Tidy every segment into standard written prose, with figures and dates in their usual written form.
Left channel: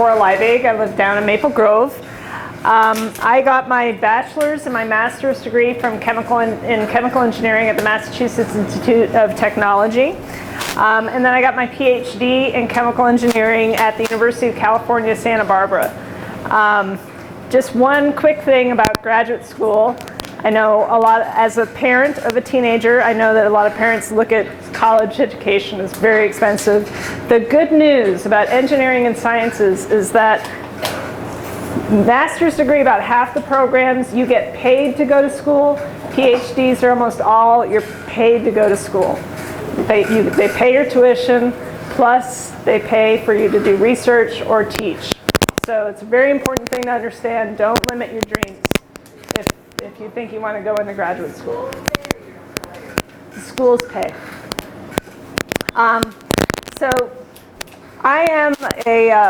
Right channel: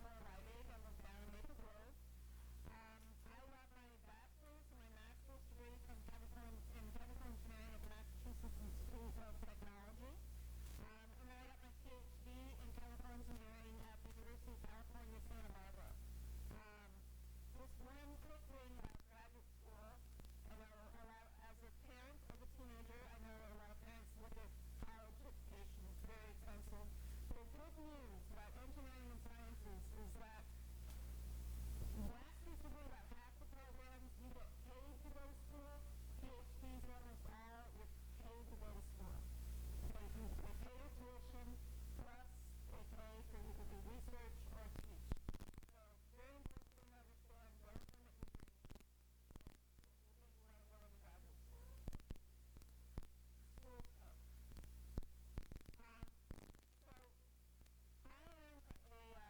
Cora Leibig. I live down in Maple Grove. I got my bachelor's and my master's degree from chemical engineering at the Massachusetts Institute of Technology. And then I got my PhD in chemical engineering at the University of California, Santa Barbara. Just one quick thing about graduate school. I know a lot, as a parent of a teenager, I know that a lot of parents look at college education as very expensive. The good news about engineering and sciences is that master's degree, about half the programs, you get paid to go to school. PhDs are almost all, you're paid to go to school. They pay your tuition, plus they pay for you to do research or teach. So it's a very important thing to understand. Don't limit your dreams if you think you want to go into graduate school. The schools pay. So I am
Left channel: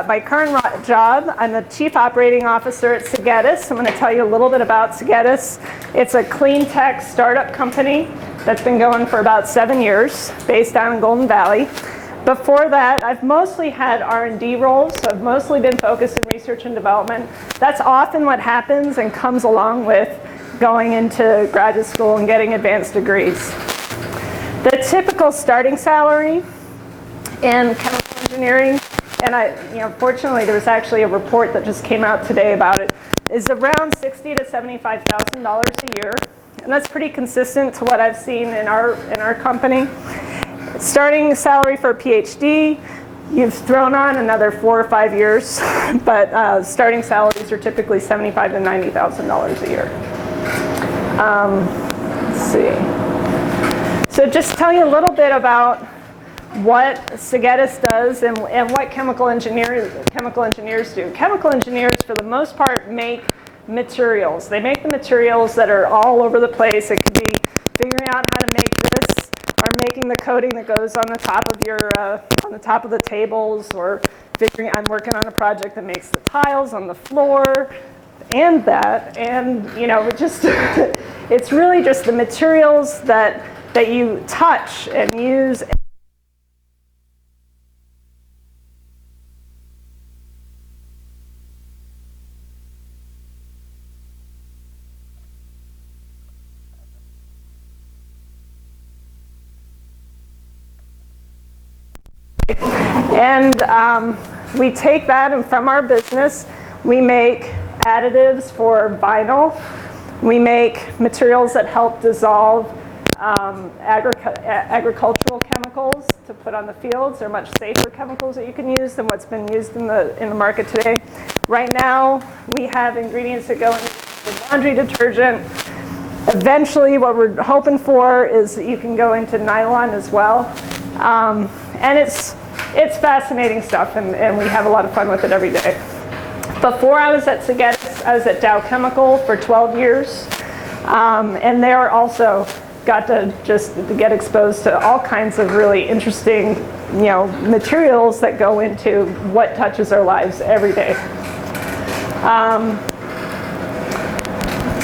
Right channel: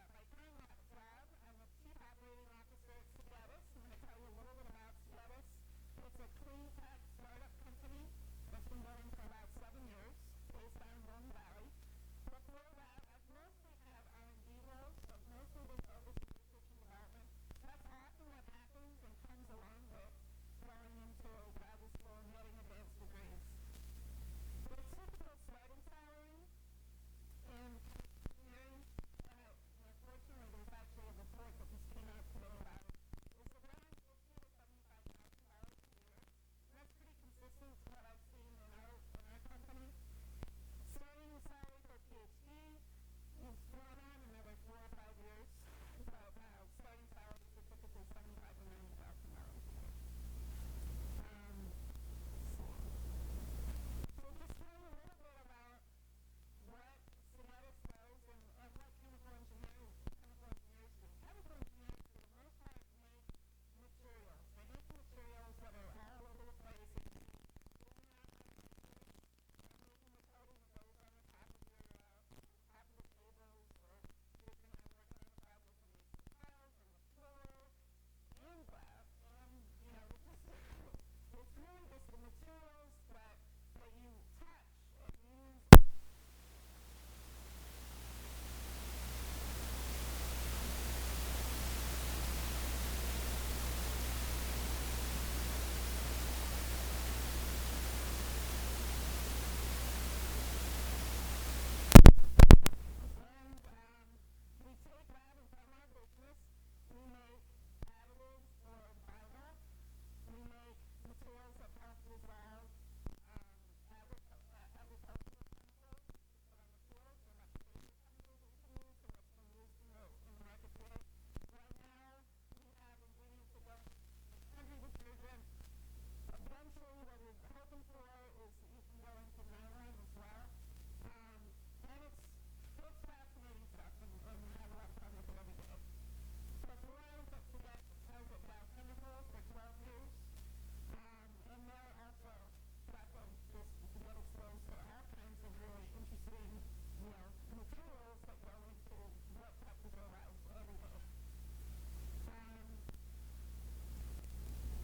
my current job, I'm the Chief Operating Officer at Segetis. I'm going to tell you a little bit about Segetis. It's a clean tech startup company that's been going for about 7 years, based down in Golden Valley. Before that, I've mostly had R&D roles, so I've mostly been focused in research and development. That's often what happens and comes along with going into graduate school and getting advanced degrees. The typical starting salary in chemical engineering, and fortunately there was actually a report that just came out today about it, is around $60,000 to $75,000 a year, and that's pretty consistent to what I've seen in our company. Starting salary for a PhD, you've thrown on another 4 or 5 years, but starting salaries are typically $75,000 to $90,000 a year. Let's see. So just tell you a little bit about what Segetis does and what chemical engineers do. Chemical engineers, for the most part, make materials. They make the materials that are all over the place. It could be figuring out how to make this, or making the coating that goes on the top of on the top of the tables, or I'm working on a project that makes the tiles on the floor, and just it's really just the materials that you touch and use. And we take that, and from our business, we make additives for vinyl. We make materials that help dissolve agricultural chemicals to put on the fields. They're much safer chemicals that you can use than what's been used in the market today. Right now, we have ingredients that go into laundry detergent. Eventually, what we're hoping for is that you can go into nylon as well. And it's fascinating stuff, and we have a lot of fun with it every day. Before I was at Segetis, I was at Dow Chemical for 12 years. And there also got to just get exposed to all kinds of really interesting, materials that go into what touches our lives every day.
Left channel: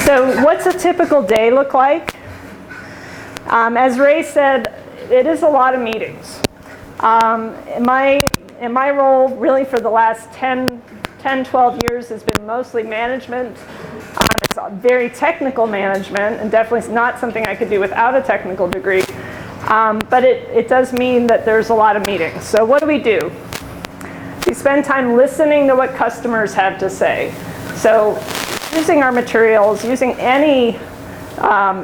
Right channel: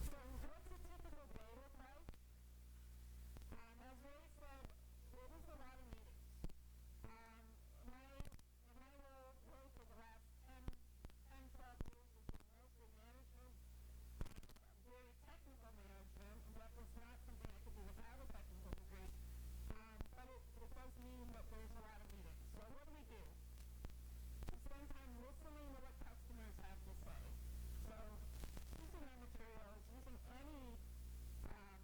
So what's a typical day look like? As Ray said, it is a lot of meetings. In my role, really for the last 10, 12 years, has been mostly management. It's very technical management, and definitely not something I could do without a technical degree. But it does mean that there's a lot of meetings. So what do? We spend time listening to what customers have to say. So using our materials, using any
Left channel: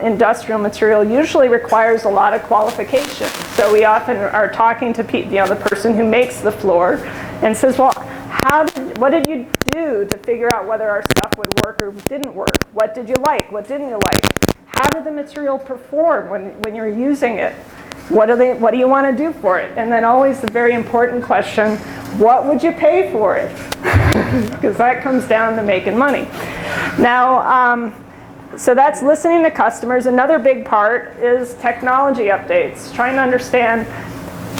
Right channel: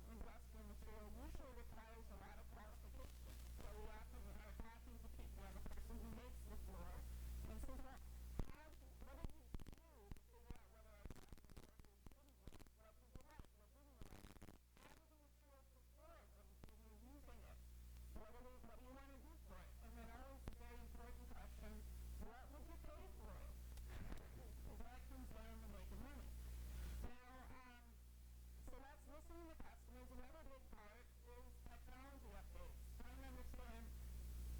industrial material usually requires a lot of qualification. So we often are talking to the person who makes the floor and says, well, what did you do to figure out whether our stuff would work or didn't work? What did you like? What didn't you like? How did the material perform when you're using it? What do you want to do for it? And then always the very important question, what would you pay for it? Because that comes down to making money. Now, so that's listening to customers. Another big part is technology updates, trying to understand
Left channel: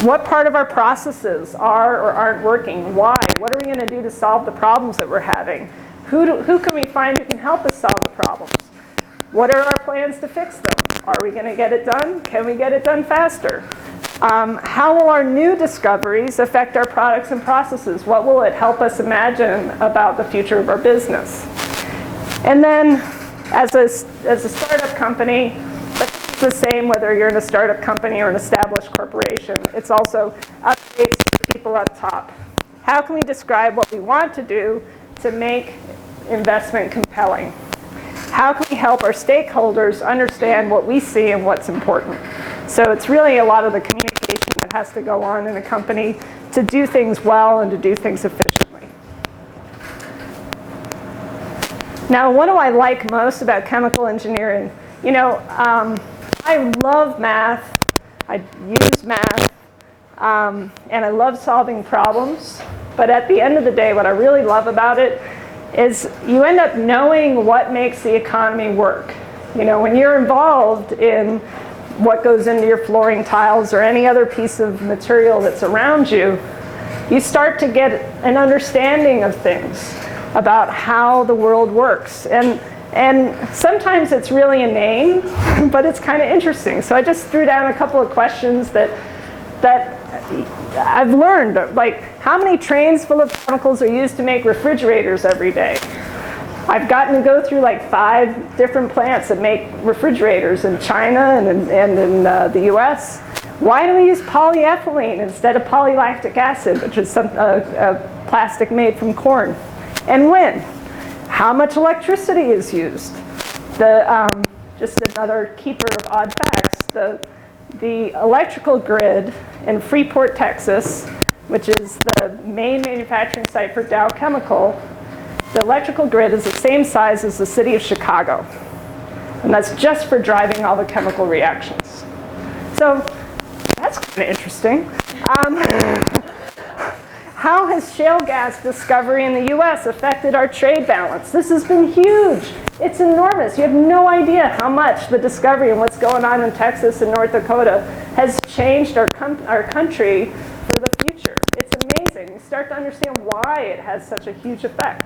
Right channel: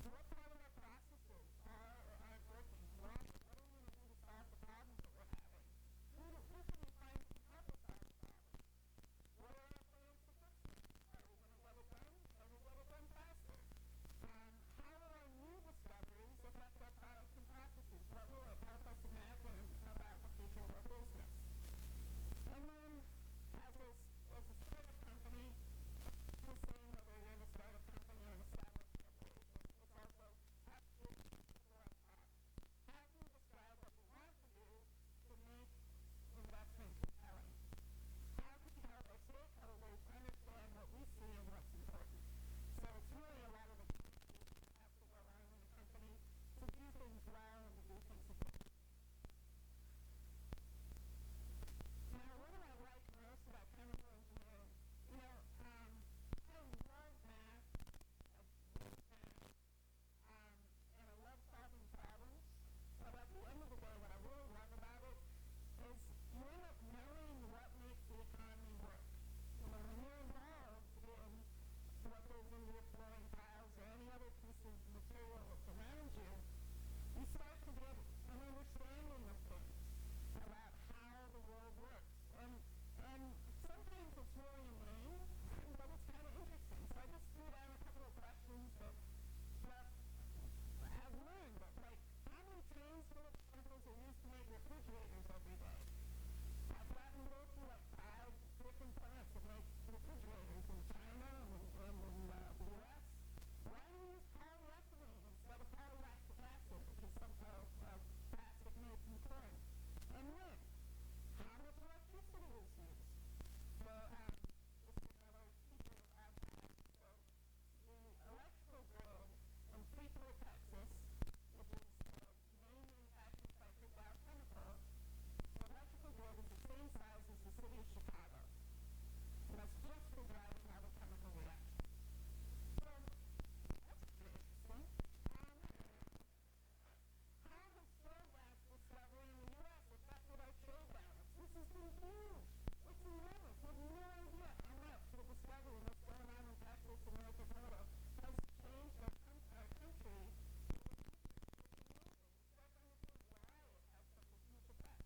what part of our processes are or aren't working, why, what are we going to do to solve the problems that we're having, who can we find who can help us solve the problems, what are our plans to fix them, are we going to get it done, can we get it done faster? How will our new discoveries affect our products and processes? What will it help us imagine about the future of our business? And then, as a startup company, it's the same whether you're in a startup company or an established corporation. It's also updates to people up top. How can we describe what we want to do to make investment compelling? How can we help our stakeholders understand what we see and what's important? So it's really a lot of the communication that has to go on in a company to do things well and to do things efficiently. Now, what do I like most about chemical engineering? You know, I love math. I use math. And I love solving problems. But at the end of the day, what I really love about it is you end up knowing what makes the economy work. You know, when you're involved in what goes into your flooring tiles or any other piece of material that's around you, you start to get an understanding of things about how the world works. And sometimes it's really inane, but it's kind of interesting. So I just threw down a couple of questions that I've learned, like how many trains full of chemicals are used to make refrigerators every day? I've gotten to go through like 5 different plants that make refrigerators in China and in the US. Why do we use polyethylene instead of polylactic acid, which is a plastic made from corn? And when? How much electricity is used? Just another keeper of odd facts. The electrical grid in Freeport, Texas, which is the main manufacturing site for Dow Chemical, the electrical grid is the same size as the city of Chicago. And that's just for driving all the chemical reactions. So that's kind of interesting. How has shale gas discovery in the US affected our trade balance? This has been huge. It's enormous. You have no idea how much the discovery and what's going on in Texas and North Dakota has changed our country for the future. It's amazing. You start to understand why it has such a huge effect.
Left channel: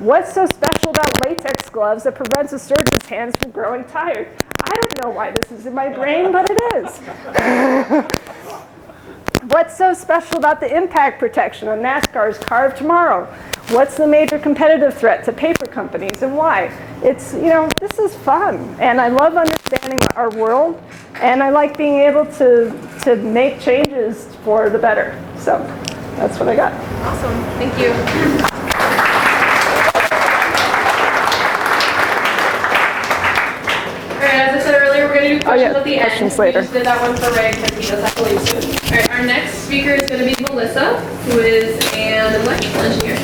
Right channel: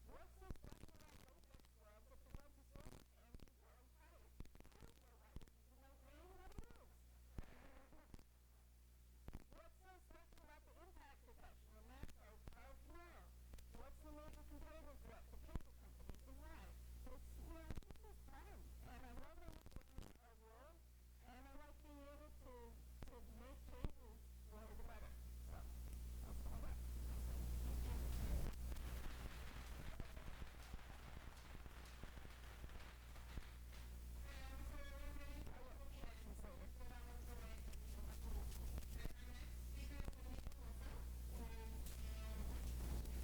What's so special about latex gloves that prevents a surgeon's hands from growing tired? I don't know why this is in my brain, but it is. What's so special about the impact protection on NASCAR's Car of Tomorrow? What's the major competitive threat to paper companies and why? It's, you know, this is fun. And I love understanding our world. And I like being able to make changes for the better. So that's what I got. Awesome. Thank you. All right, as I said earlier, we're going to do questions at the end. Questions later. We just did that one for Ray because he does have to leave soon. All right, our next speaker is going to be Melissa, who is an electrical engineer.